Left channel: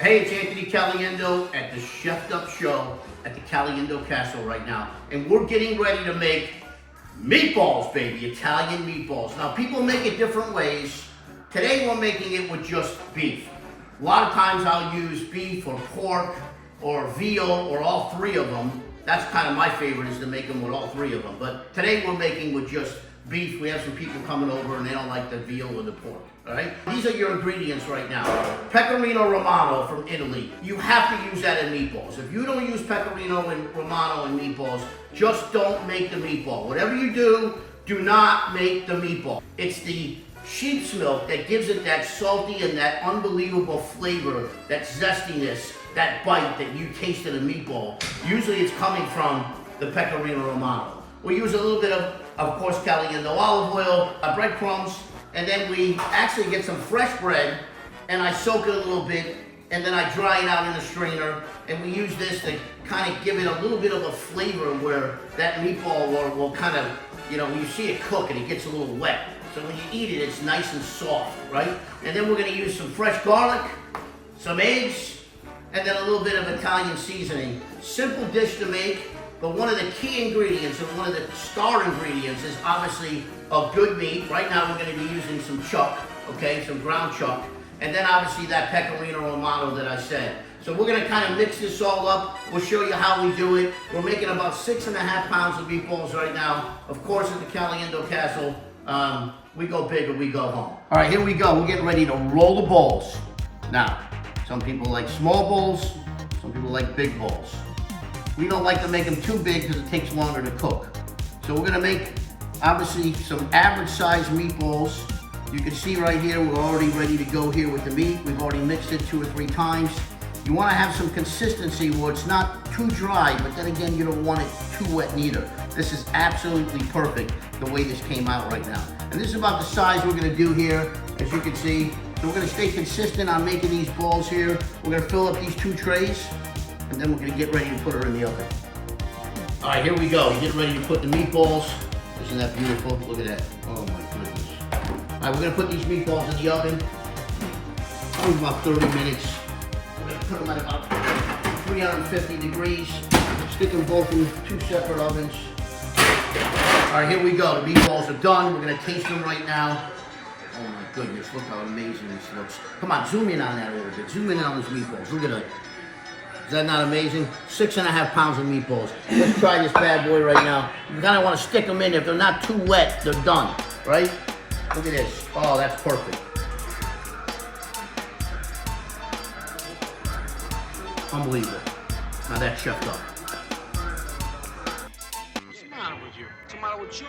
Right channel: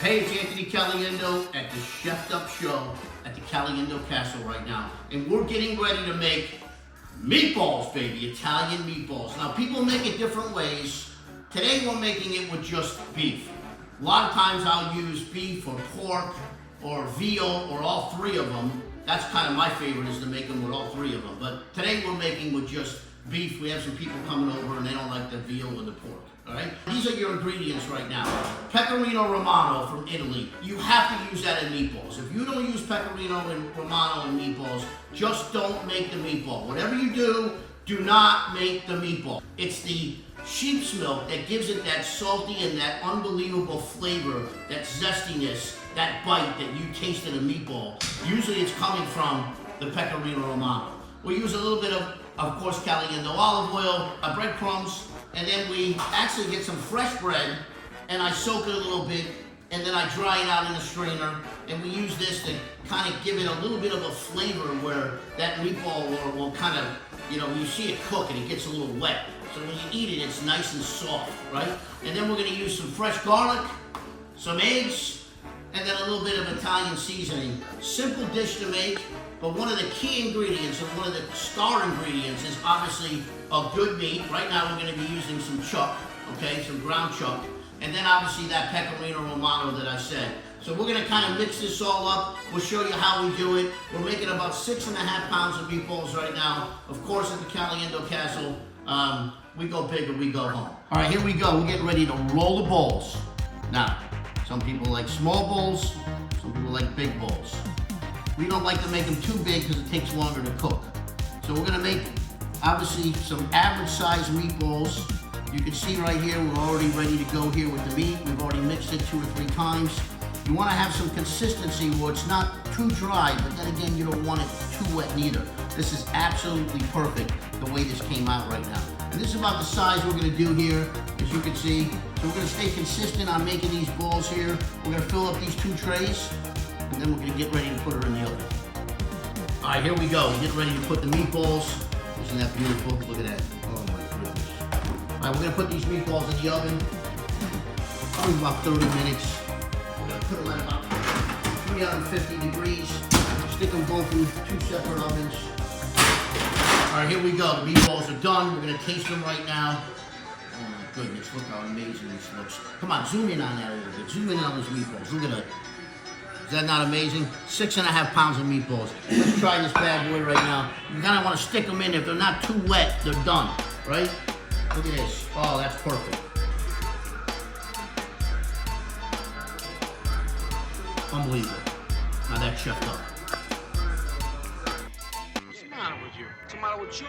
Hey, it's Anthony Caliendo at the Chefed Up Show at the Caliendo Castle right now. And we're getting ready to make meatballs, baby, Italian meatballs. Now, people make it different ways. Today, we're making it with just beef. A lot of times, I'll use beef or pork or veal or all three of them. That's kind of my favorite, is to make them with all three of them. But today, we're making with just beef. We have some people coming over and they don't like the veal or the pork, all right? These are your ingredients right now. Pecorino Romano from Italy. You have to use that in meatballs. If you don't use Pecorino and Romano in meatballs, just don't make the meatball. Whatever you do, do not make the meatball. It's the sheep's milk that gives it that salty and that unbelievable flavor, that zestiness, that bite that you taste in a meatball. Usually it's coming from the Pecorino Romano. We use a little bit of course, Caliendo olive oil, breadcrumbs, and then we actually get some fresh bread, and I soak it a little bit, and then I dry it out in a strainer, and we use this to kind of give it a little bit of a flavor where that meatball will kind of, you know, when you see it cook and it gets a little wet. So when you eat it, it's nice and soft, right? And then we're gonna use some fresh garlic, some eggs, and then a little bit of Italian seasoning. Simple dish to make. But one of the key ingredients, or one of the star ingredients, is obviously a good meat. Right now we're going to be using some chuck, okay, some ground chuck. And then obviously that Pecorino Romano that I said. So we're going to kind of mix this all up. We'll show you how we do it. We're making about 6.5 pounds of meatballs right now. Of course, at the Caliendo Castle, we go big or we go home. All right, here we go. We're getting ready to roll the balls. Now, some people like small bowls, some people like big bowls. We don't like to make them too big because it takes longer to cook. So we're gonna make, obviously, some average sized meatballs. You can see right here, we're already ready to go here with the meat. We've already mixed it 2 or 3 times. You wanna have some consistency where it's not too dry, but then again, you don't want it too wet neither. This is absolutely perfect, the way this came out right now. And this is about the size we're gonna do here, as you can see. So we're gonna stay consistent on making these balls here. We're gonna fill up these 2 trays, and then we're gonna get ready to put her in the oven. All right, here we go. We're getting ready to put the meatballs. Isn't that beautiful? Look at that. Oh my goodness. All right, we're gonna put these meatballs in the oven. Probably about 30 minutes. We're gonna put them at about 350 degrees. Stick them both in 2 separate ovens. All right, here we go. The meatballs are done. We're gonna taste them right now. Oh my goodness, look how amazing this looks. Come on, zoom in on that a little bit. Zoom in on those meatballs. Look at that. Is that not amazing? 6.5 pounds of meatballs. Let's try this bad boy right now. You kind of want to stick them in. If they're not too wet, they're done, right? Look at this. Oh, that's perfect. Unbelievable. Now that's chefed up. What's the matter with you? What's the matter with you?